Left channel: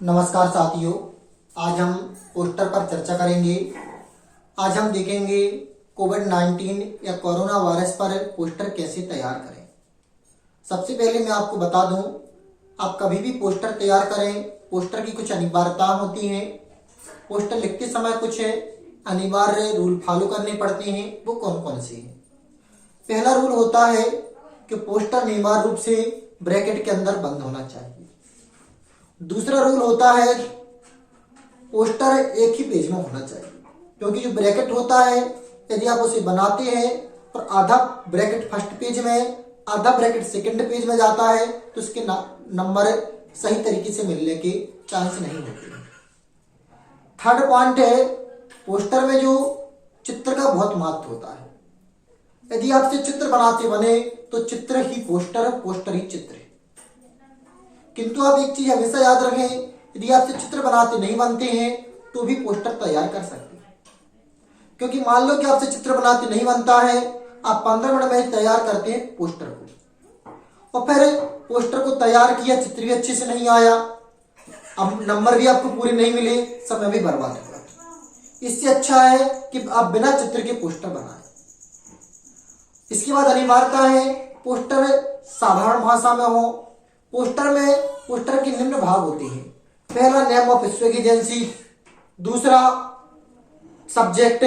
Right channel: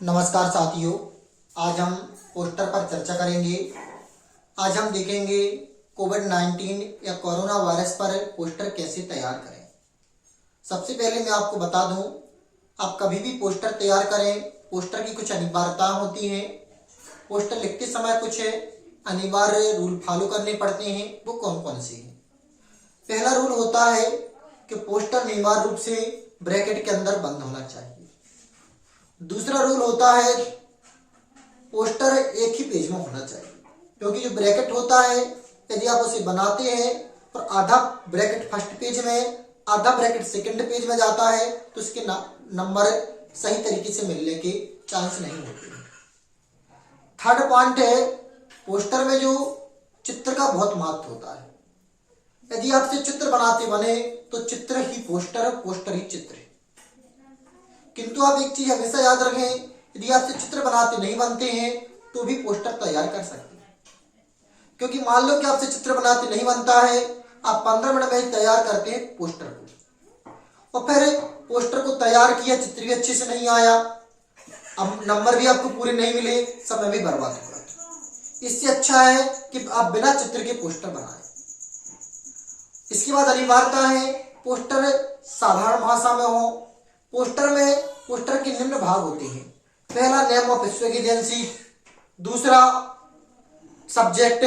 नमस्कार साथियों, आज हम पोस्टर पर चर्चा करेंगे। आज हम देखेंगे कोविड-19 या कोरोना वायरस पर पोस्टर कैसे तैयार करें। सबसे पहले मैं आपको बता दूं, आप कभी भी पोस्टर तैयार करें, पोस्टर की कुछ अनिवार्यता होती हैं। पोस्टर लिखते समय कुछ अनिवार्य रूल फॉलो करने पड़ते हैं। वो कौन कौन से हैं? पहला रूल होता है कि पोस्टर अनिवार्य रूप से ब्रैकेट के अंदर बंद होना चाहिए। दूसरा रूल होता है पोस्टर एक ही पेज में होना चाहिए, क्योंकि जो ब्रैकेट होता है यदि आप उसे बनाते हैं और आधा ब्रैकेट फर्स्ट पेज में, आधा ब्रैकेट सेकंड पेज में जाता है तो उसके नंबर सही तरीके से मिलने के चांस नहीं होते। थर्ड पॉइंट है, पोस्टर में जो चित्र का बहुत महत्व होता है। यदि आपसे चित्र बनाते बने तो चित्र ही पोस्टर, पोस्टर ही चित्र है। किंतु आप एक चीज हमेशा याद रखें, यदि आपसे चित्र बनाते नहीं बनते हैं तो भी पोस्टर तैयार कर सकते हैं। क्योंकि मान लो कि आपसे चित्र बनाते नहीं बनता है, आप 15 मिनट में तैयार करते हैं पोस्टर को, और फिर पोस्टर को तैयार किया, चित्र भी अच्छे से नहीं आया, अब नंबर भी आपको पूरे नहीं मिले, समय भी बर्बाद हुआ। इससे अच्छा है कि आप बिना चित्र के पोस्टर बनाएं। इसके बाद अनिवार्यता है पोस्टर साधारण भाषा में हो। पोस्टर के निम्न भाग होते हैं। पहला नेम ऑफ स्पेक एजेंसी, दूसरा सब्जेक्ट,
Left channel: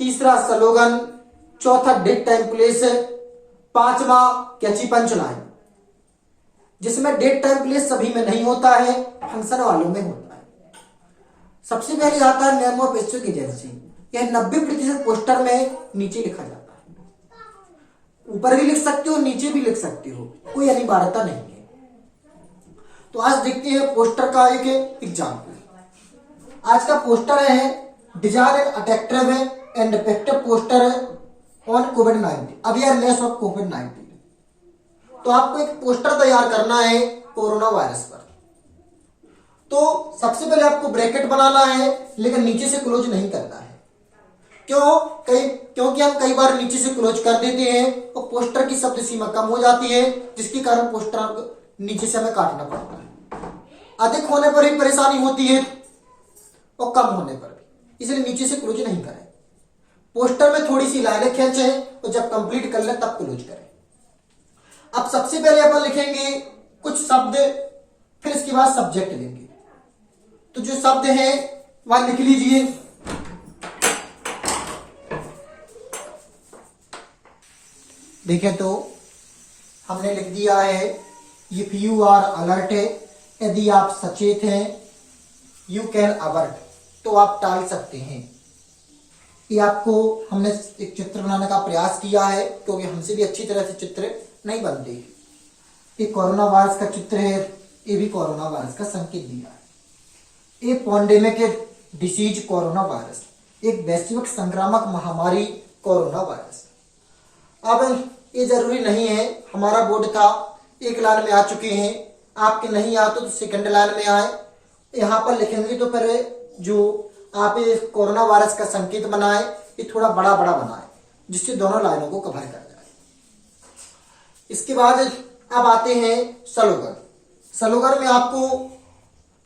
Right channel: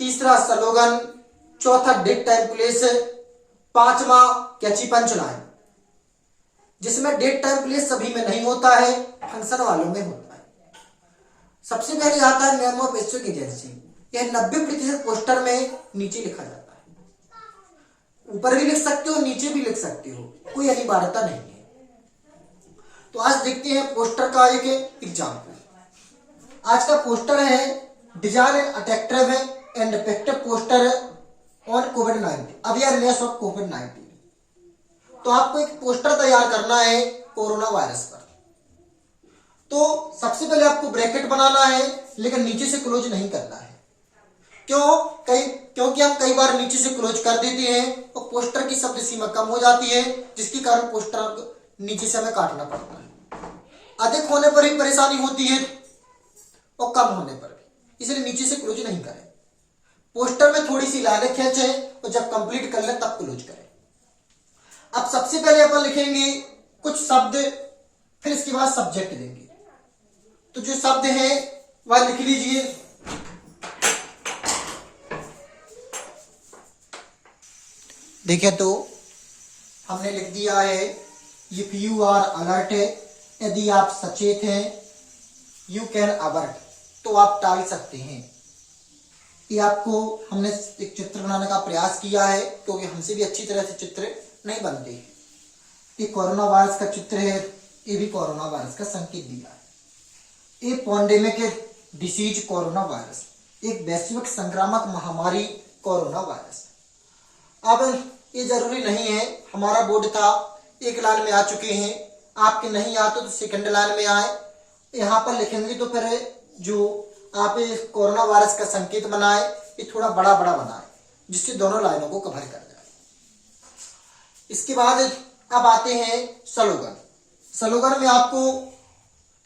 तीसरा स्लोगन, चौथा डेट टाइम प्लेस, पांचवा कैची पंच लाइन, जिसमें डेट टाइम प्लेस सभी में नहीं होता है, फंक्शन वालों में होता है। सबसे पहले आता है नेम ऑफ स्पेक एजेंसी। यह 90% पोस्टर में नीचे लिखा जाता है। ऊपर भी लिख सकते हो, नीचे भी लिख सकते हो, कोई अनिवार्यता नहीं है। तो आज देखते हैं पोस्टर का एक एग्जाम्पल। आज का पोस्टर है design and attractive and effective poster on covid awareness of कोविड-19। तो आपको एक पोस्टर तैयार करना है कोरोना वायरस पर। तो सबसे पहले आपको ब्रैकेट बनाना है, लेकिन नीचे से क्लोज नहीं करना है। क्योंकि हम कई बार नीचे से क्लोज कर देते हैं और पोस्टर की शब्द सीमा कम हो जाती है, जिसके कारण पोस्टर नीचे से हमें काटना पड़ता है। अधिक होने पर ही परेशानी होती है और कम होने पर भी, इसलिए नीचे से क्लोज नहीं करें। पोस्टर में थोड़ी सी लाइनें खींचें और जब कंप्लीट कर ले तब क्लोज करें। अब सबसे पहले अपन लिखेंगे कुछ शब्द, फिर इसके बाद सब्जेक्ट लेंगे। तो जो शब्द हैं वह लिख लीजिए। देखिए, तो हमने लिख दिया है इफ यू आर अलर्ट, यदि आप सचेत हैं, यू कैन अवर्ट, तो आप टाल सकते हैं। ये आपको हमने एक चित्र बनाने का प्रयास किया है, क्योंकि हमसे भी अच्छी तरह से चित्र नहीं बनते। ये कोरोना वायरस का चित्र है, ये भी कोरोना वायरस का संकेत दिया है। ये पैंडेमिक डिसीज कोरोना वायरस, एक वैश्विक संक्रामक महामारी कोरोना वायरस। अब ये जरूरी नहीं है, हमारा बोर्ड था एक लाइन में आ चुके हैं, आपके नहीं आते तो सेकंड लाइन में आए। यहाँ पर लिखेंगे तो फिर जो आप कोरोना वायरस का संकेत बनाए, ये थोड़ा बड़ा बड़ा बनाए, जिससे दोनों लाइनों को कवर कर जाए। इसके बाद अब आते हैं स्लोगन। स्लोगन में आपको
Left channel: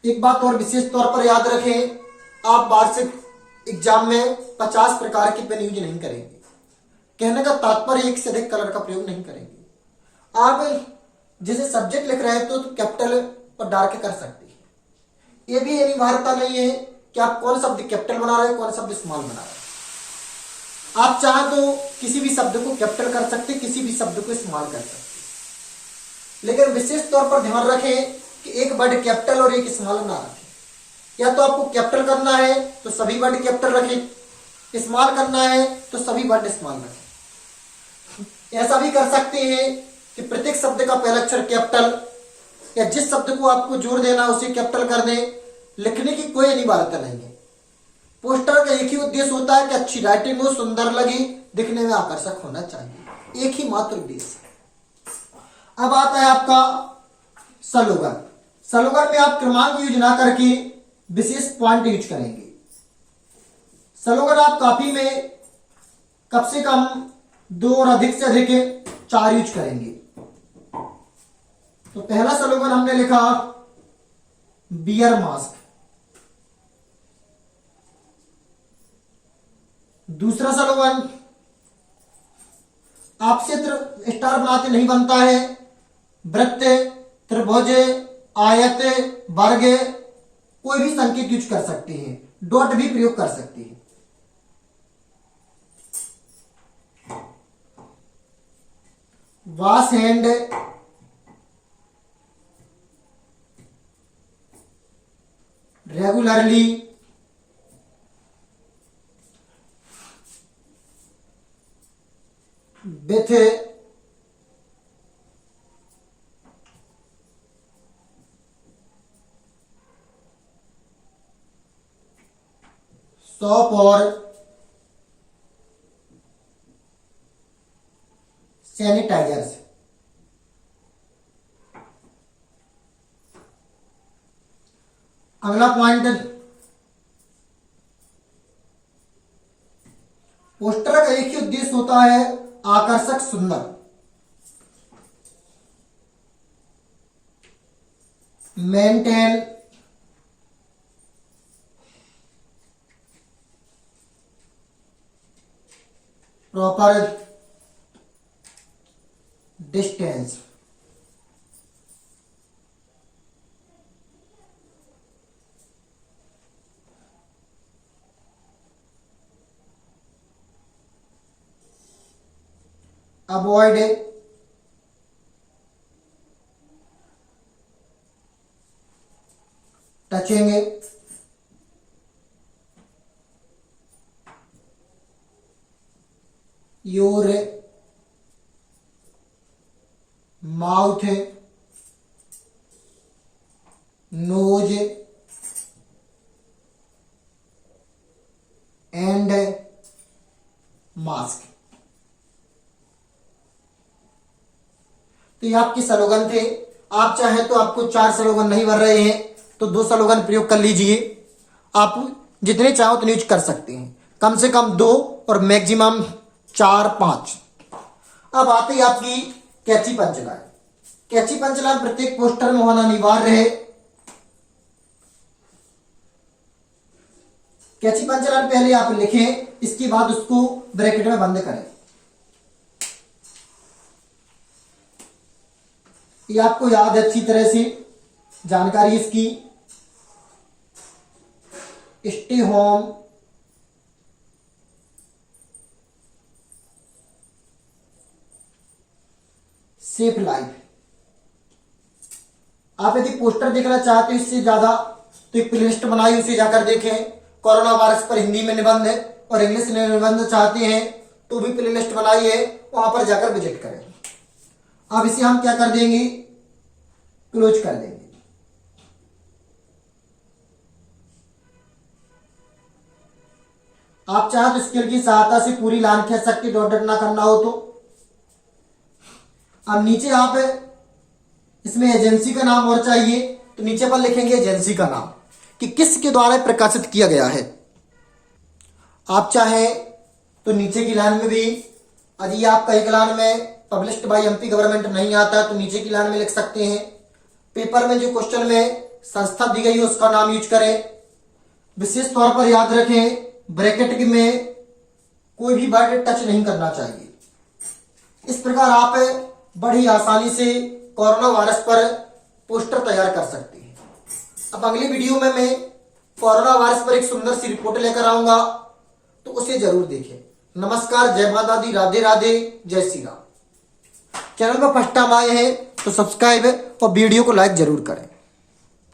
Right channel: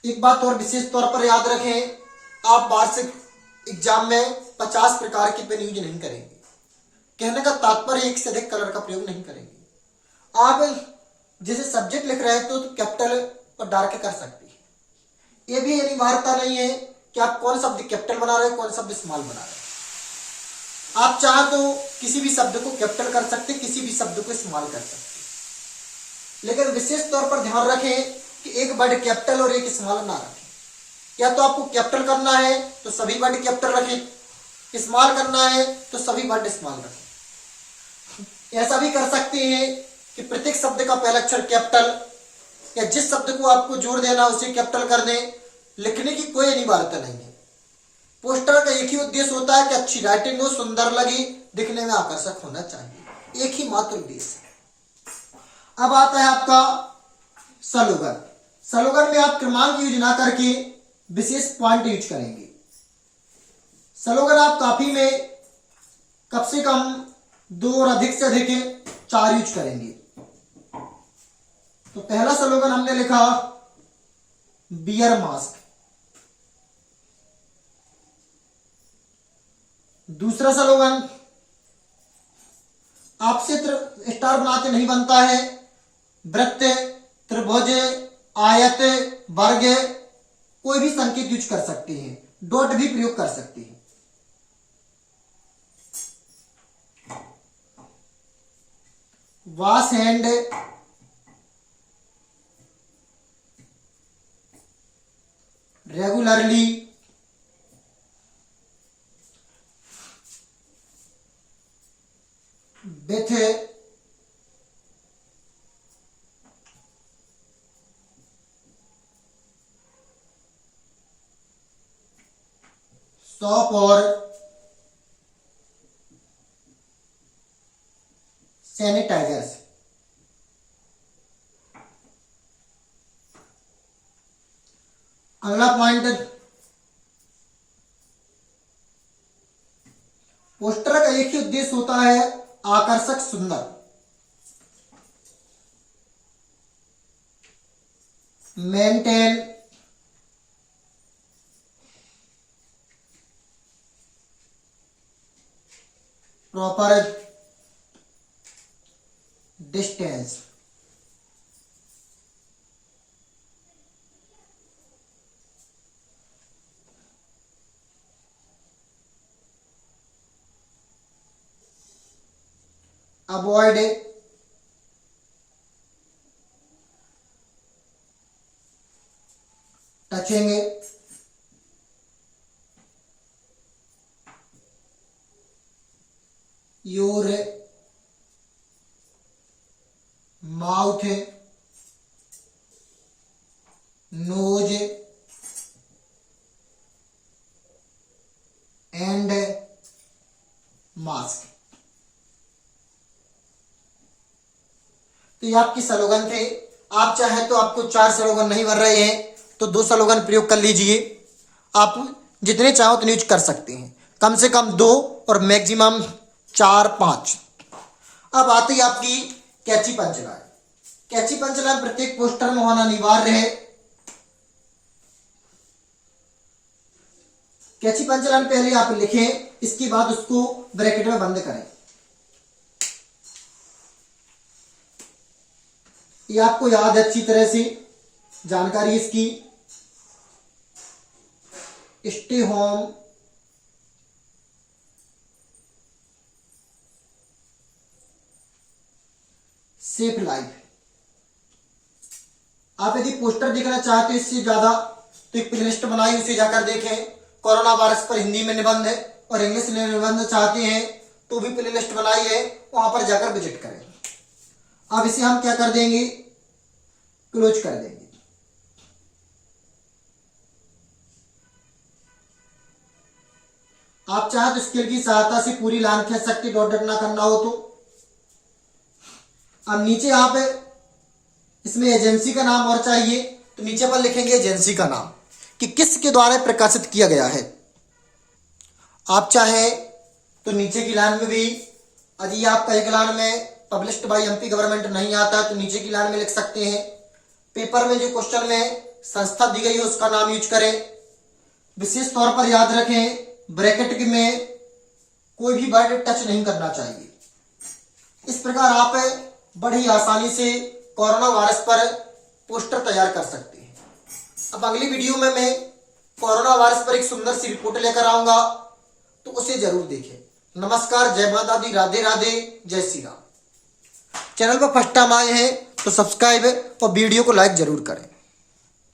एक बात और विशेष तौर पर याद रखें, आप वार्षिक एग्जाम में 50 प्रकार की पेन यूज नहीं करेंगे। कहने का तात्पर्य एक से अधिक कलर का प्रयोग नहीं करेंगे। आप जैसे सब्जेक्ट लिख रहे हैं तो कैपिटल और डार्क कर सकते हैं। ये भी अनिवार्यता नहीं है कि आप कौन शब्द कैपिटल बना रहे हैं, कौन शब्द स्मॉल बना रहे हैं। आप चाहे तो किसी भी शब्द को कैपिटल कर सकते, किसी भी शब्द को स्मॉल कर सकते, लेकिन विशेष तौर पर ध्यान रखें कि एक वर्ड कैपिटल और एक स्मॉल ना रखें। या तो आपको कैपिटल करना है तो सभी वर्ड कैपिटल रखें, स्मॉल करना है तो सभी वर्ड स्मॉल रखें। ऐसा भी कर सकते हैं कि प्रत्येक शब्द का पहला अक्षर कैपिटल, या जिस शब्द को आपको जोड़ देना उसे कैपिटल कर दें। लिखने की कोई अनिवार्यता नहीं है। पोस्टर का एक ही उद्देश्य होता है कि अच्छी राइटिंग हो, सुंदर लगे, दिखने में आकर्षक होना चाहिए, एक ही मात्र उद्देश्य है। अब आता है आपका स्लोगन। स्लोगन में आप क्रमांक यूज ना करके विशेष पॉइंट यूज करेंगे। स्लोगन आप कॉपी में कम से कम 2 और अधिक से अधिक 4 यूज करेंगे। तो पहला स्लोगन हमने लिखा बियर मास्क। दूसरा स्लोगन, आपसे स्टार बनाते नहीं बनता है। वृत्त, त्रिभुज, आयत, वर्ग, कोई भी संकेत यूज कर सकते हैं, डॉट भी प्रयोग कर सकते हैं। Wash hand regularly, with soap और सैनिटाइजर्स। अगला पॉइंट, पोस्टर का एक ही उद्देश्य होता है, आकर्षक, सुंदर। Maintain proper distance. Avoid touching your mouth, nose and mask. तो ये आपके स्लोगन थे। आप चाहे तो आपको 4 स्लोगन नहीं भर रहे हैं तो 2 स्लोगन प्रयोग कर लीजिए। आप जितने चाहो उतने यूज कर सकते हैं, कम से कम 2 और मैक्सिमम 4-5। अब आती है आपकी कैची पंचलाइन। कैची पंचलाइन प्रत्येक पोस्टर में होना अनिवार्य है। कैची पंचलाइन पहले आप लिखें, इसके बाद उसको ब्रैकेट में बंद करें। ये आपको याद है अच्छी तरह से, जानकारी इसकी। Stay home, safe life. आप यदि पोस्टर देखना चाहते हो इससे ज्यादा तो एक प्लेलिस्ट बनाई, उसे जाकर देखें। कोरोना वायरस पर हिंदी में निबंध और इंग्लिश में निबंध चाहते हैं तो भी प्लेलिस्ट बनाई है, वहां पर जाकर विजिट करें। अब इसे हम क्या कर देंगे, क्लोज कर देंगे। आप चाहे तो स्केल की सहायता से पूरी लाइन खींच सकते, डॉट डॉट ना करना हो तो। अब नीचे आप इसमें एजेंसी का नाम और चाहिए तो नीचे पर लिखेंगे एजेंसी का नाम कि किसके द्वारा प्रकाशित किया गया है। आप चाहे तो नीचे की लाइन में भी, यदि आपका एक लाइन में पब्लिश्ड बाय एमपी गवर्नमेंट नहीं आता है तो नीचे की लाइन में लिख सकते हैं। पेपर में जो क्वेश्चन में संस्था दी गई है उसका नाम यूज करें। विशेष तौर पर याद रखें, ब्रैकेट में कोई भी वर्ड टच नहीं करना चाहिए। इस प्रकार आप बड़ी आसानी से कोरोना वायरस पर पोस्टर तैयार कर सकते हैं। अब अगली वीडियो में मैं कोरोना वायरस पर एक सुंदर सी रिपोर्ट लेकर आऊंगा, तो उसे जरूर देखें। नमस्कार, जय माता दी, राधे राधे, जय श्री राम। चैनल पर फर्स्ट टाइम आए हैं तो सब्सक्राइब और वीडियो को लाइक जरूर करें।